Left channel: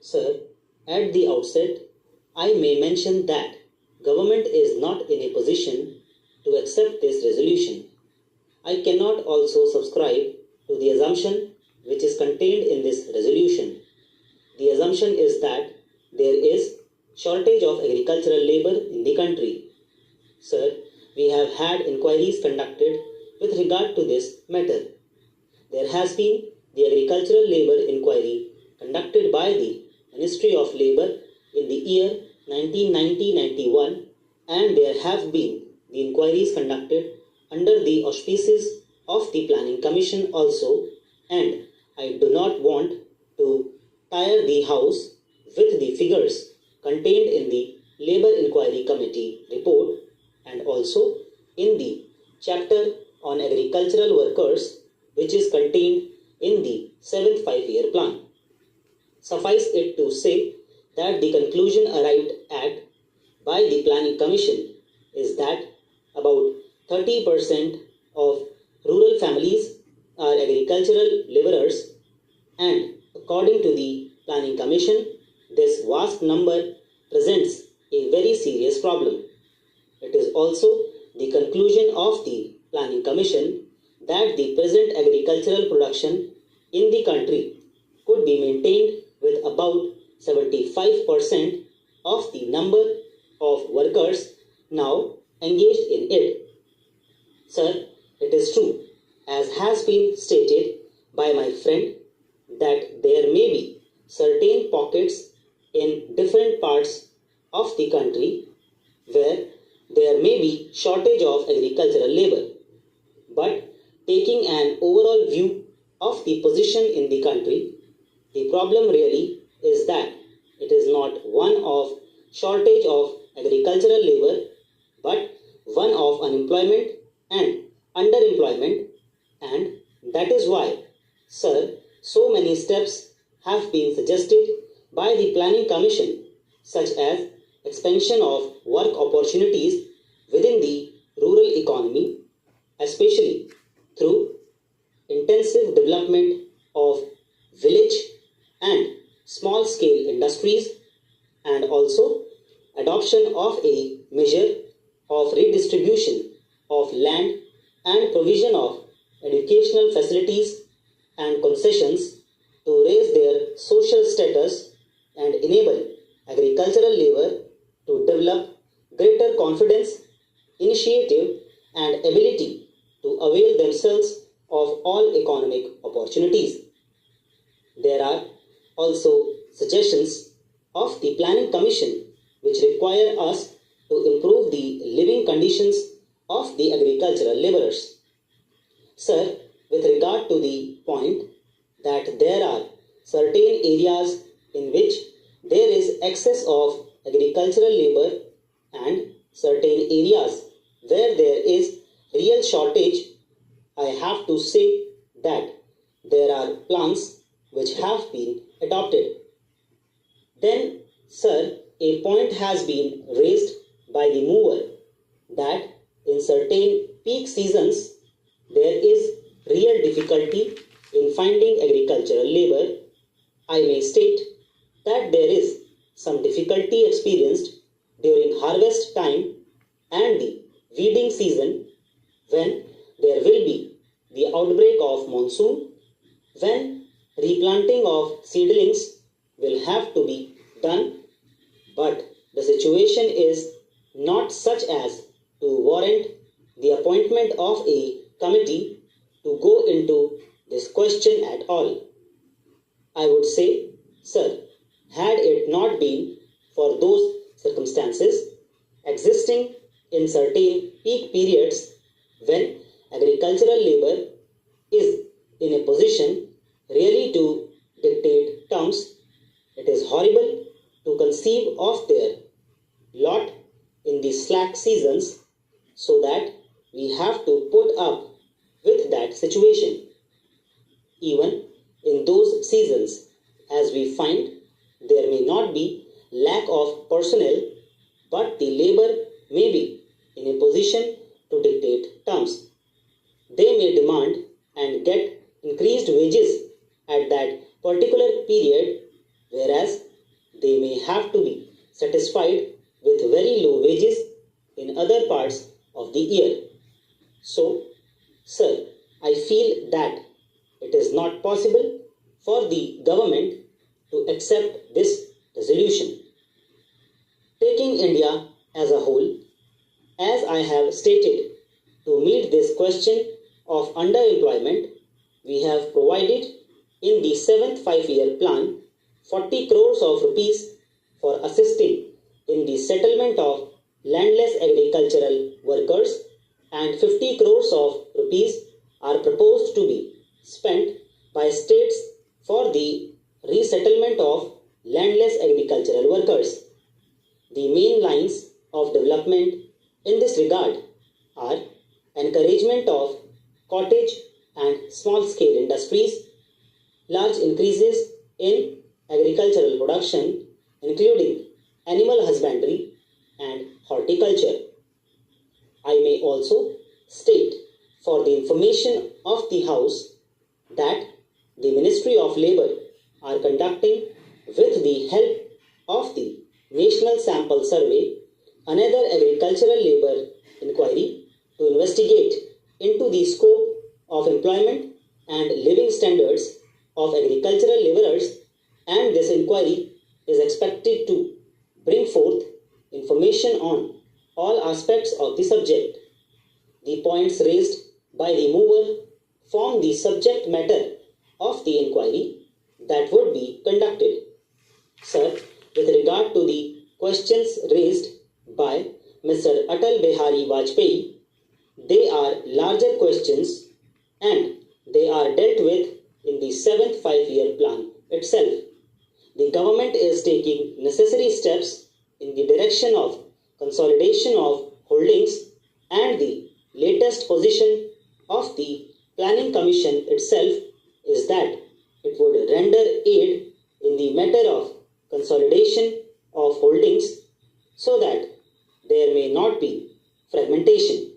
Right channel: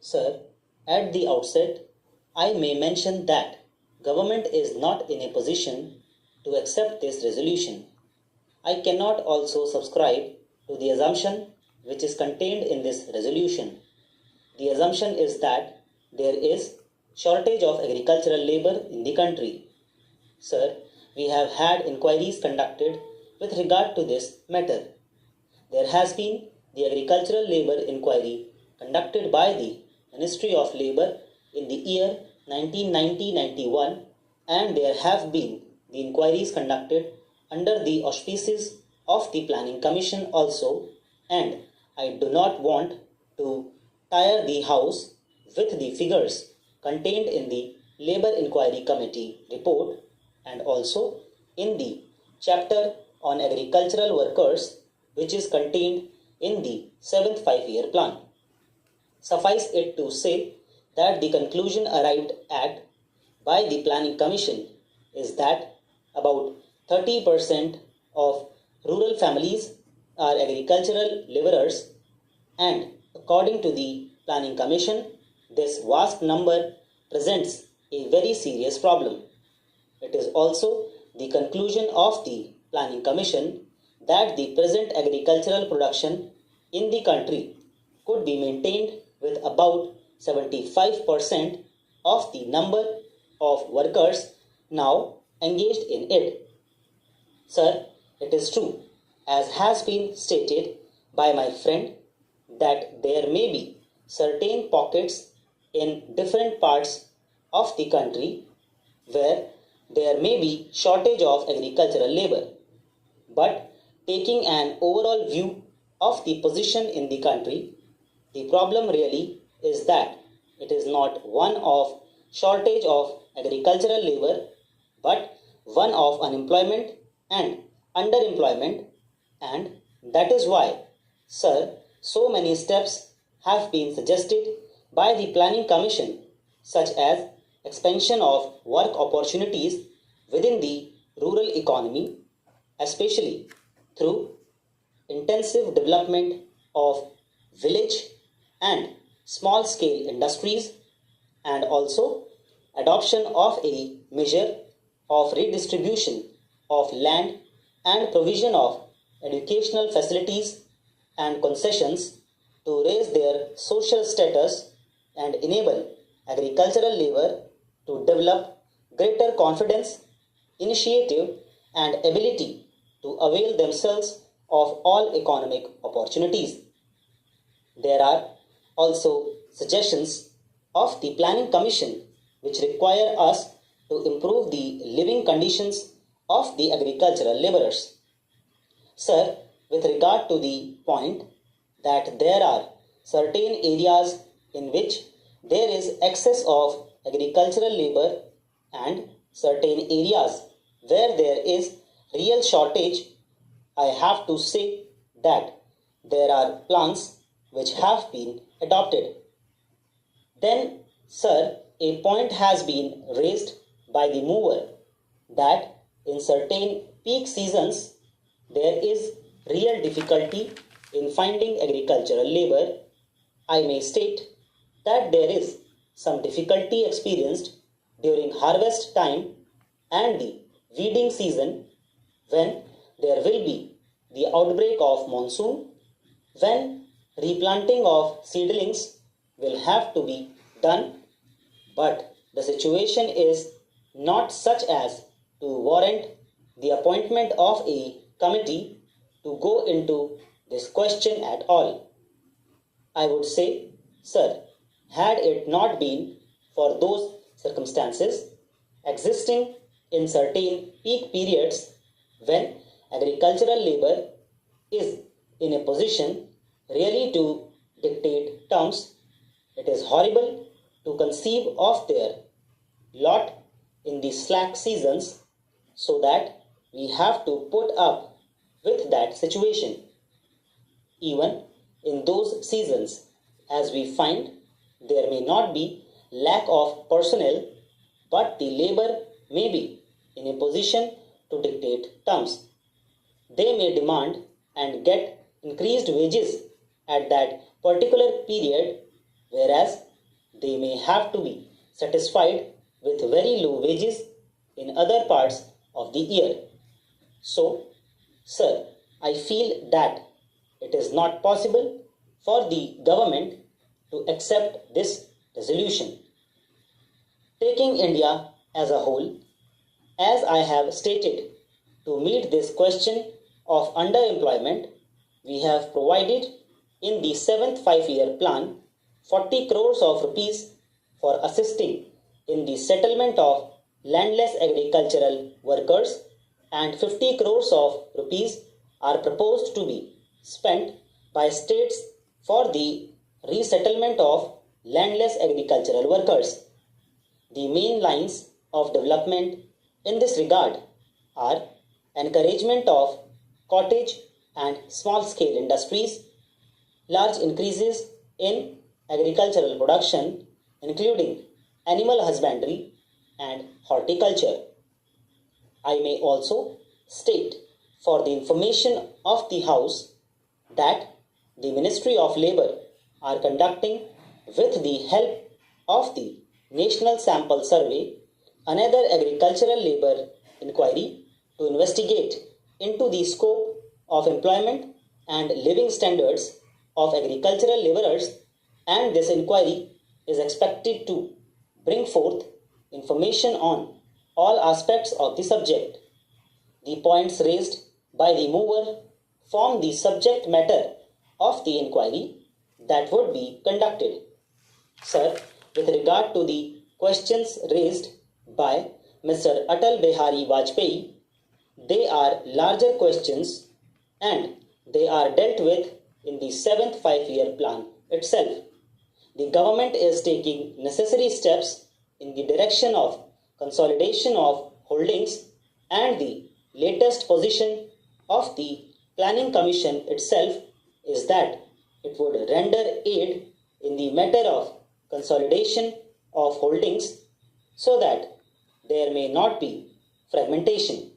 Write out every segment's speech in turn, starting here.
Sir, at the outset, I may mention that government is not in a position to accept this resolution. I cannot also subscribe to the assumption which is contained in this resolution. The assumption is that there is shortage of agricultural labor in the country. Sir, we have had inquiries conducted with regard to this matter. There has been the agricultural labor inquiry conducted by the Ministry of Labour in the year 1990-91, and there have been the inquiries conducted under the auspices of the Planning Commission also, and I do not want to tire the House with the figures contained in the Labour Inquiry Committee report and also in the chapter on agricultural workers which is contained in the 7th 5-year plan. Suffice it to say that the conclusion arrived at by the Planning Commission is that about 30% of rural families are agricultural laborers, and according to the Planning Commission, this vast number presents a very serious problem. It is also the conclusion of the Planning Commission that the present agricultural production in the country could be maintained with about 75% of the number of workers now engaged in it. Sir, it is true, as has been stated by my friend, that there may be certain pockets in different parts of the country where there may be shortage of agricultural labor. But taking an overall view of the position in the country, the problem really is that it is not one of shortage of agricultural labor, but one of unemployment and underemployment, and that is why, sir, so many steps have been suggested by the Planning Commission, such as expansion of work opportunities within the rural economy, especially through intensive development of village and small-scale industries, and also adoption of a measure of redistribution of land and provision of educational facilities and concessions to raise their social status and enable agricultural labor to develop greater confidence, initiative, and ability to avail themselves of all economic opportunities. There are also suggestions of the Planning Commission which require us to improve the living conditions of the agricultural laborers. Sir, with regard to the point that there are certain areas in which there is excess of agricultural labor and certain areas where there is real shortage, I have to say that there are plans which have been adopted. Then, sir, a point has been raised by the mover that in certain peak seasons there is real difficulty in finding agricultural labor. I may state that there is some difficulty experienced during harvest time and the weeding season, when there will be the outbreak of monsoon, when replanting of seedlings will have to be done, but the situation is not such as to warrant the appointment of a committee to go into this question at all. I would say, sir, had it not been for those circumstances existing in certain peak periods when agricultural labor is in a position really to dictate terms, it is horrible to conceive of their lot in the slack seasons, so that we have to put up with that situation. Even in those seasons, as we find, there may not be lack of personnel, but the labor may be in a position to dictate terms. They may demand and get increased wages at that particular period, whereas they may have to be satisfied with very low wages in other parts of the year. So, sir, I feel that it is not possible for the government to accept this resolution. Taking India as a whole, as I have stated, to meet this question of underemployment, we have provided in the 7th 5-year plan 40 crores of rupees for assisting in the settlement of landless agricultural workers, and 50 crores of rupees are proposed to be spent by states for the resettlement of landless agricultural workers. The main lines of development in this regard are encouragement of cottage and small-scale industries, large increases in agricultural production, including animal husbandry and horticulture. I may also state for the information of the House that the Ministry of Labour are conducting, with the help of the National Sample Survey, another agricultural labour inquiry to investigate into the scope of employment and living standards of agricultural labourers, and this inquiry is expected to bring forth information on all aspects of the subject. The points raised by the mover form the subject matter of the inquiry that would be conducted. Sir, with regard to the questions raised by Mr. Atal Bihari Vajpayee, they are larger questions and they are dealt with in the 7th 5-year plan itself. The government is taking necessary steps in the direction of consolidation of holdings, and the latest position of the Planning Commission itself is that it would render aid in the matter of consolidation of holdings so that there may not be fragmentation.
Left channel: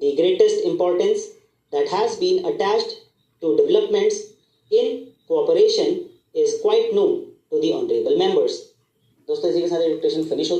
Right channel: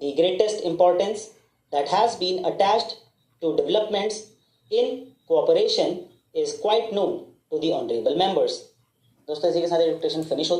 The greatest importance that has been attached to developments in cooperation is quite known to the honorable members. दोस्तों इसी के साथ education finish हो